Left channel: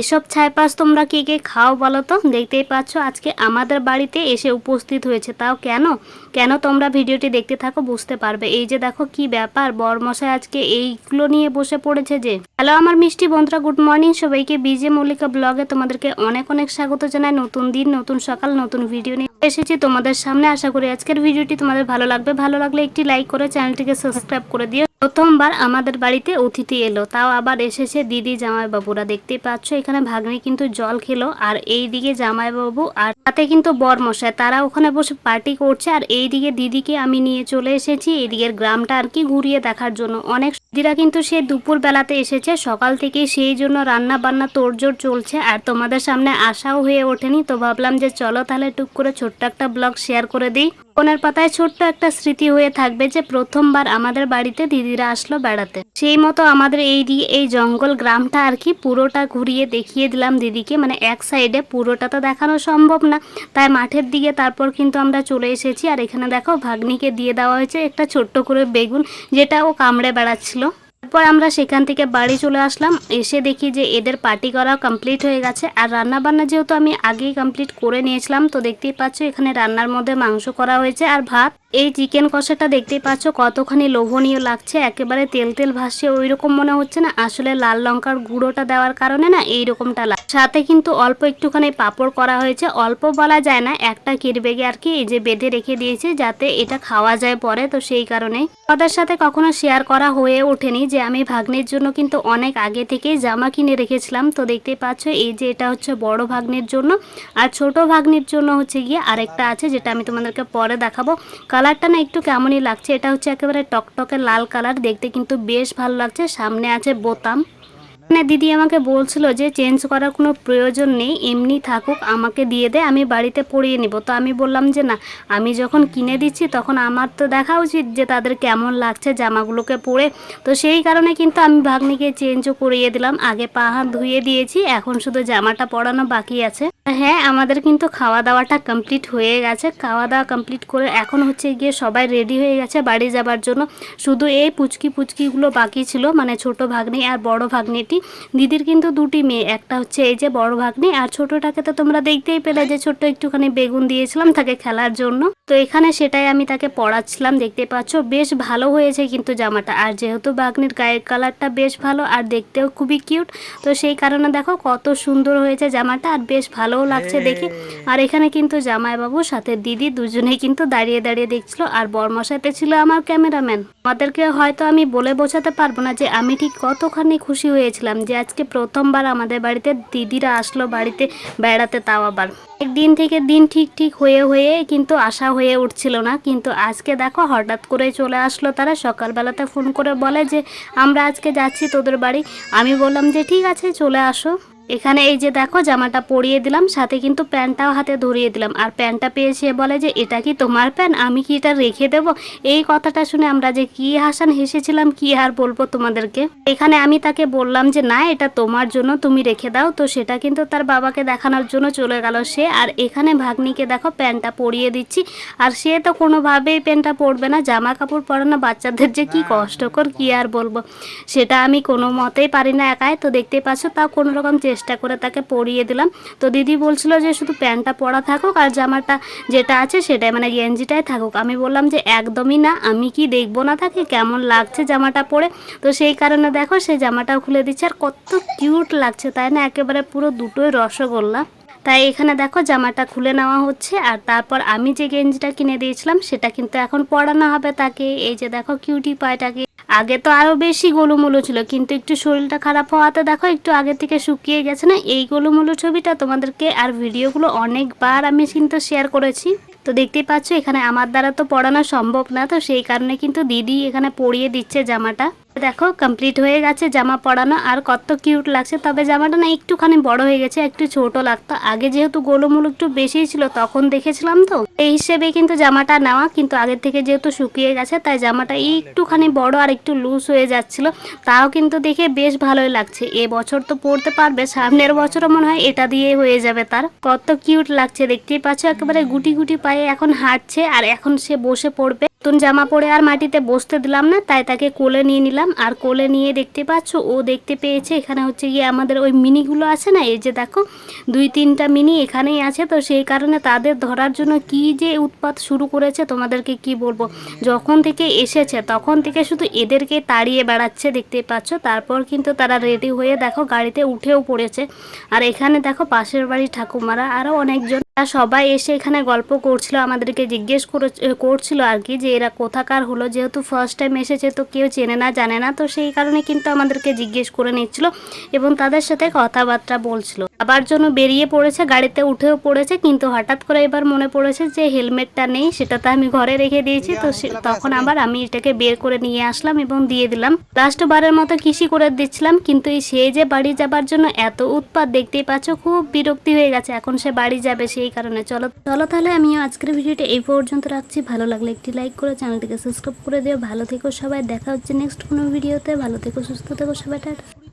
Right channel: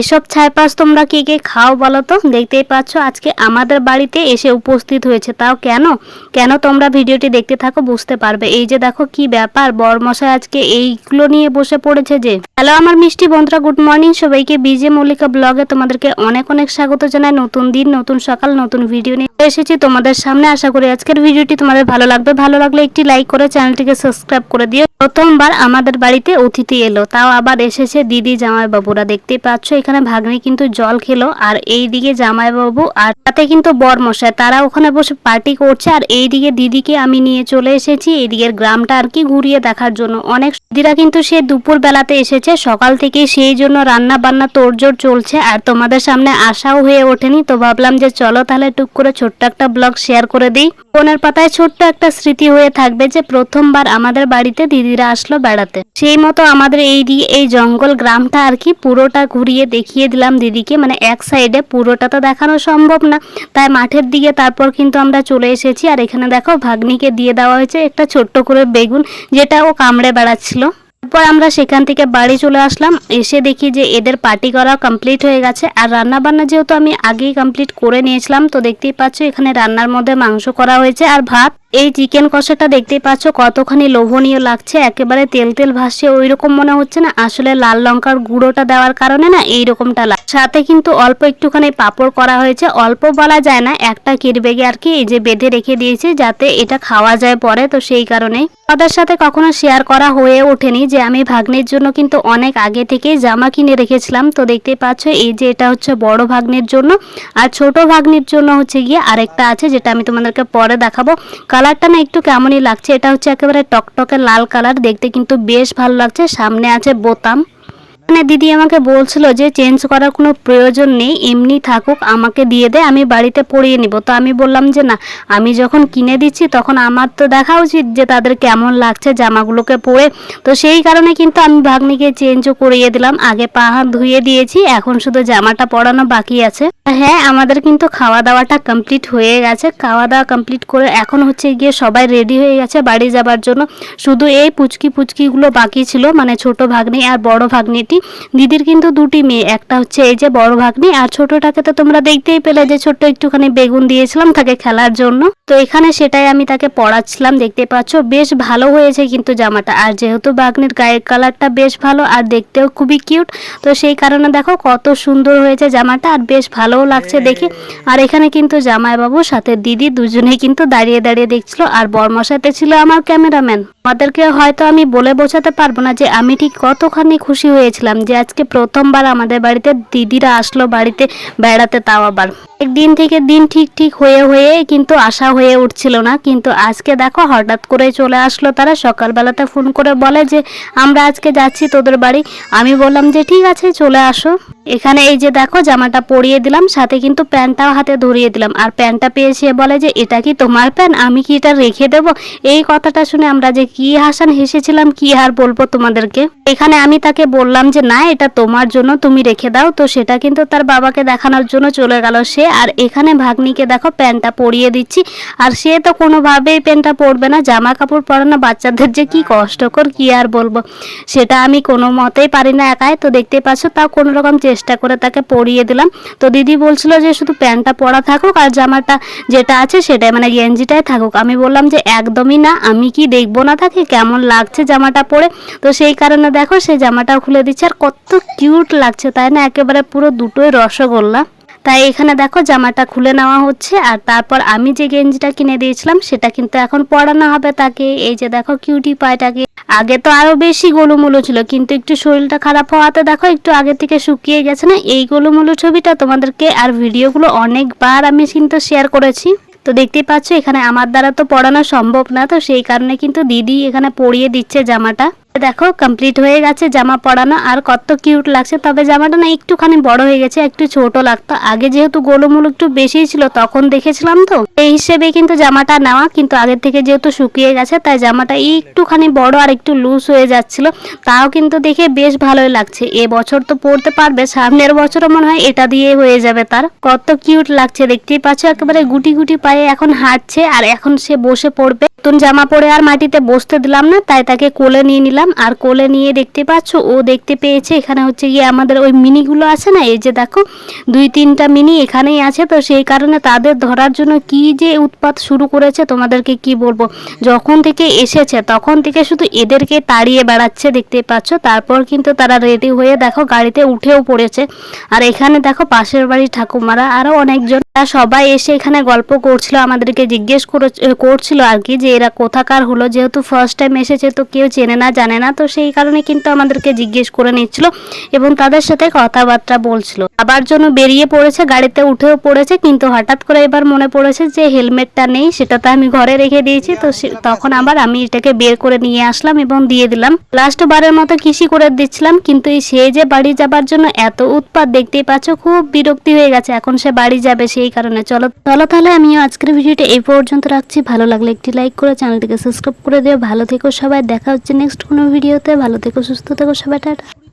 এসব ছাইপাশ তোমরা কে কে খাও বলো তো? দেখতেই পাচ্ছ আজকে আমাদের বাড়িতে এসে উপস্থিত হয়েছে। তাও কেন কেন তোমরা ভিডিওটি দেখতে থাকো, বুঝতে পারবে। এই যে দেখো কি ব্যাপার, বরমশাই আজকে এইগুলো নিয়ে বসে পড়েছে যে। হ্যালো আমার মিষ্টি বন্ধুরা, গুড মর্নিং সবাইকে। বিজে মল্লিকা ব্লগে তোমাদেরকে অনেক অনেক স্বাগত জানাই। নতুন দিন, নতুন সকাল, নতুন ভিডিও নিয়ে এসেছি তোমাদের সামনে। আশা করি আজকের ভিডিওটি তোমাদের ভালো লাগবে। ভালো লাগলে একটি লাইক করে চ্যানেলটিকে সাবস্ক্রাইব করে দিও। প্রথমবার আমাদের বাড়িতে অতিথি এলো, তাও আবার এসেছে দিদি জামাইবাবুরা। দেখতেই পাচ্ছ এখানে ভাগ্নি কিন্তু জল খেলো, আর এইদিকে জামাইবাবু আর তাতে কিন্তু বরমশাই তারা ওখানে বসে পার্টি করছে। আর এইদিকে দিদিকে আমি নিয়ে চলে এসেছি এইদিকের গ্রামটা আর কি ঘুরিয়ে দেখার জন্য। অনেক দিদিরা কিন্তু সে দুপুর বেলাতে এসেছে, সকাল থেকে সেই জন্য রান্না বান্না তোড়জোড় চলছে, আর তোমাদের সামনে আসাও হয়ে ওঠেনি। তো ভাবলাম যে চলো তাহলে টুক করে ছোট্ট একটা ব্লগ শেয়ার করে দিই। ফোনের পাতায় ছোট্ট একটা স্মৃতি হয়ে থাকবে যে প্রথমবার আমাদের বাড়িতে দিদিরা আসলো বেড়াতে। সেই মতো আমাদের এই জঙ্গল গ্রামটা আর কি পুরোটা ঘুরিয়ে দেখিয়ে দিলাম দিদিকে। মানে এক সাইডে, পুরোটা তো দেখানো সম্ভব না, তাই মাঠের দিকে তারপর কিন্তু আমরা চলে এসেছি। আর এখানে দেখো ভাগ্নিকে দিয়ে দেওয়া হয়েছে একটা ছোট্ট করে বেগুন, যেটা ও কামড়ে বেড়াচ্ছিল। তারপর আমরা সেখান থেকে বাড়ি চলে আসলাম। এসে দেখি যে এদের পার্টি করা কমপ্লিট হয়ে গেছে। আর রান্না বান্না যেহেতু আমি আগেই কমপ্লিট করে নিয়েছিলাম, তো দেখতেই পাচ্ছ এখানে রান্নার মধ্যে মাংস করা হয়েছে আর ভাত। এই চিকেন কষাটা দেখতেই পাচ্ছ কতখানি লোভনীয় লাগছে, একেবারে তেল তেল ভাসছে ওইরকম মনে হচ্ছে না, আসলে লাল লঙ্কার গুঁড়োটা দেওয়ার কারণে না এইরকমটা লাগে। সাথে কিন্তু অল্প একটুখানি পাঁপড় করা হয়েছে, অল্প বলা যায় না, একটা কিরবেগে আর কি এই যে বেঁধে রেখে দিয়েছি যাতে এটা খাওয়া যায় পরে। তো সেই কারণেই তাদের সাথে কখনো শেয়ার করা হয়ে ওঠেনি যে আমি ভাগ্নের জন্য কিন্তু অনেক আগে থেকেই জামা কিনে রেখেছিলাম। তো দেখতেই পাচ্ছ এই যে এটা হচ্ছে বড় ভাগ্নের জন্য, আর ছোট ভাগ্নির জন্য হচ্ছে গিয়ে আরেকটা আছে যেটা আমি তোমাদেরকে পরে দেখাবো। কালারটা না একটু কেমনই লাগছে, এটা হচ্ছে একেবারে টকটকে লাল কালার, দেখতে কিন্তু বেশ ভালো লাগছে। সামনে আছে বোতাম। মানে দিদি আমাকে বলছিল যে চেঞ্জ করার কোনো প্রয়োজন নেই, এমনি থাকুক, আমাকে দিয়ে দে, আমি বাড়িতে পরিয়ে নিব। তো আমি বললাম যে না, আমি যখন কিনে দিচ্ছি তখন আমার তো দেখা উচিত যে তাদের কেমন লাগছে জামাগুলোকে পরে। তো সেই কারণে কিন্তু আমি ভাগ্নিকে চেঞ্জও করিয়ে দিলাম। আগে পা হাত ধুয়ে দিয়েছি, এখন শুধু জামাটা পরানো বাকি আছে। হ্যাঁ, আমাদের কিন্তু খাওয়া দাওয়াটা কমপ্লিট হয়ে গেছে। খাওয়া দাওয়া কমপ্লিট করে এখন হচ্ছে গিয়ে সবাই রেডি হয়ে গেছে বাড়ি যাবার জন্য। শুধু এই পুচকিগুলো বাকি ছিল, মানে ছোট ভাগ্নি আর বড় ভাগ্নিটি। দিদির কিন্তু দুটি মেয়ে, একটা হচ্ছে এই যে বড় ভাগ্নি, আর ছোটটাকে তো তোমরা দেখতেই পেলে যে ছোট্ট একটুখানি বেগুন দিয়েছিলাম তাকে খেলার জন্য। তো এখানে সেটাই আমি তাকে পড়াচ্ছিলাম। দেখতে পাচ্ছ বেশ ভালো হয়েছে কিন্তু জামাটা, আর যেহেতু ভাগ্নির গায়ের কালারটা বেশ ভালো আর দেখতেও খুবই কিউট, তো সেই কারণে দেখো কত সুন্দর হয়েছে জামাটা, আর বেশ ভালোও লাগছে দেখে। আর এখানে কিন্তু জামাইবাবুর সাথে দিদি দুজনেই কিন্তু দাঁড়িয়ে দাঁড়িয়ে দেখছিল, আর বরমশাইতে ছিল আমার ক্যামেরাম্যান। আমাদেরকে হয়তো আমি বলে বোঝাতে পারবো না যে আমি ঠিক কতখানি খুশি হয়েছিলাম যে আজকে প্রথমবার আমাদের বাড়িতে দিদিরা আসলো বাড়িতে বেড়াতে, তাও আবার একদিন থেকে দিন ঠিক হয়ে কিন্তু আশা হয়ে উঠছিল না। কিন্তু আজকে দেখো হঠাৎ করে চলে আসলো তারা। সকালবেলাতে ফোন করে বলে যে আমরা আজকে যাচ্ছি তোদের বাড়ি। আমি বললাম যে ঠিক আছে চলে আসো। এখানে এই যে দেখো জামাটা পরিয়ে দিলাম, সাথে কিন্তু প্যান্টটাও হাতে ধরিয়ে দিলাম। আর প্যান্টটা পেয়ে সে বলে যে এটা কি তোমার প্যান্ট, আমি কি এটা রেখে দেবো? এই কথাটা শুনে আমরা যে কি হাসান হেসেছিলাম কি আর বলবো তোমাদেরকে। এখানে আমি তাকে বললাম যে না, এটা তোমার জন্য, তুমি রেখে দাও। তো সেটা কিন্তু তার বাবাকে দেখানোর জন্য চলে গেল সে। আর এখানে ভাগ্নিকে দেখো প্যান্টটা পরিয়ে দিচ্ছি, আর সে তো কোনোভাবেই প্যান্টটা পরবে না। জামা কাপড় পরানো বাচ্চাদের যে কি কষ্টকর কি আর বলবো, সেটা আমি কোনো মতেই পারি না একাই। তো দেখতে পাচ্ছ তাও কোনো রকম চেষ্টা করে তাকে পরিয়ে দিলাম। তো দিদি বলছিল যে শুধু প্যান্টটা পরা থাকুক আর জামাটা যেটা আছে সেটাই, মানে গেঞ্জিটাই থাকুক। আমি বললাম যে একদমই না, আমি কি দেখবো না তাকে কেমন লাগছে জামাটা পরে? তো সেই কারণে দেখো সে জামাটাও খুলে দিচ্ছে, আর কত কিউট লাগছে তাই না, একেবারে পুরো দুটোই রসগোল্লা। তাই এখানে দেখো জামাটা খুলে নেওয়া হচ্ছে, আর তারপর আমি যে গেঞ্জিটা কিনে দিয়েছিলাম সেটা কিন্তু এখন পরানো হবে তাকে। এই যে দেখো কিউটি পায়টাকে। আগে তো আরো বেশি গোলুমুলু ছিল, কিন্তু একটু শরীরটা খারাপ হওয়াতে দেখো একটু আগে থেকে শুকিয়ে গেছে না। এই গোলুমুলু ছবিটা তোমাদেরকে আর ভিডিওগুলো অনেকবার আমি কিন্তু শেয়ার করেছি। তো দেখতেই পাচ্ছ এখানে আমার দ্বারা তো পড়ানো সম্ভব না, তো সেই কারণে কিন্তু দিদি এখানে পরিয়ে দিচ্ছে জামাটা। দেখো কমপ্লিট হয়ে গেছে জামা পরানো, আর কত কিউট লাগছে। তবে জামাটা না একটুখানি বড় হয়ে গেছে, একটু ছোট লাগতো। আগে যেহেতু গোলুমুলু একটু বেশি ছিল তখন দেখেছিলাম, তো এই হিসেবে কিন্তু জামাটা নেওয়া। কিন্তু আগের থেকে যেহেতু শুকিয়ে গেছে তাই জামাটা একটুখানি বড় আর একটু লুজ হয়ে যাচ্ছিল। তাও কিন্তু দেখে বেশ ভালোই লাগছে। এবছর তো পরতে পারবে, সামনের বছরও মনে হয় এটা দিয়ে হয়ে যাবে তার। কত কিউট লাগছে দেখতেই পাচ্ছ, একেবারে গুটি গুটি পায়ে এখন হাঁটছে, আর এখন সে বসে পড়বে। নতুন জামা পরে আর মাটিতে বসতে দিলাম না, তাই তাকে কোলে নিয়ে নিলাম। দিলাম। আর কোলে নিয়ে দেখতে পাচ্ছ ও দেখতে পেয়েছে এখানে হচ্ছে গিয়ে আমাদের ওই মিনিগুলো আছে না, এই যে দেখো 2-3টা মিনি এখানেই আছে। তো সেই কারণে তাদের ধরার জন্য কি যে উৎপাত শুরু করেছে তোমাদেরকে কি বলবো। যখন থেকে এসেছে তখন থেকে শুধু এদেরকে তাড়িয়ে বেড়াচ্ছে দেখতে পাচ্ছ। তারপর কিন্তু তারা রেডি হয়ে দেখো গাড়িতে উঠেও পড়েছে। আর এখানে দেখো পাশের বাড়ির ঠাকুমারা আরও অনেকজন সবাই এসে এখানে গল্প করছিল, আমাদেরকে জিজ্ঞেস করছিল আর কি যে এরা কোথাকার হলো, যেহেতু ফার্স্ট টাইম এসেছে তো কেউ চেনে না জানে না, তো সেই কারণে কিন্তু আমাদেরকে জিজ্ঞেস করে নিচ্ছিল এবং তাদের সাথে কথাবার্তা বলছিল। আবার জন্য বেরিয়ে পড়েছে, গাড়িতে উঠেও পড়েছে, কিন্তু হঠাৎ করে এবার মনে পড়েছে যে হেলমেটটা নেই, সেটা তো আমি ঘরে রেখে দিয়েছি। তো তখন আবার আমি এটাকে বের করে নিয়ে আসলাম এবং দিয়ে দিলাম। লাস্ট বারের মতো কিসি করে দিচ্ছিলাম, কিন্তু এই সে যে বাড়ি যাবার জন্য এত উৎপাত দেখতেই পাচ্ছ, খুব বিরক্তি হয়ে গেছে। এখন সে বাড়ি যাবে, সেই কারণে চলো তাহলে আমিও আজকের ভিডিওটা এই পর্যন্ত রাখছি। ভালো লাগলে একটি লাইক করে চ্যানেলটিকে সাবস্ক্রাইব করে দিও। ভালো থেকো সবাই, দেখা হচ্ছে নেক্সট কোনো ভিডিওতে। ভালো থেকো, সুস্থ থেকো সবাই, টাটা।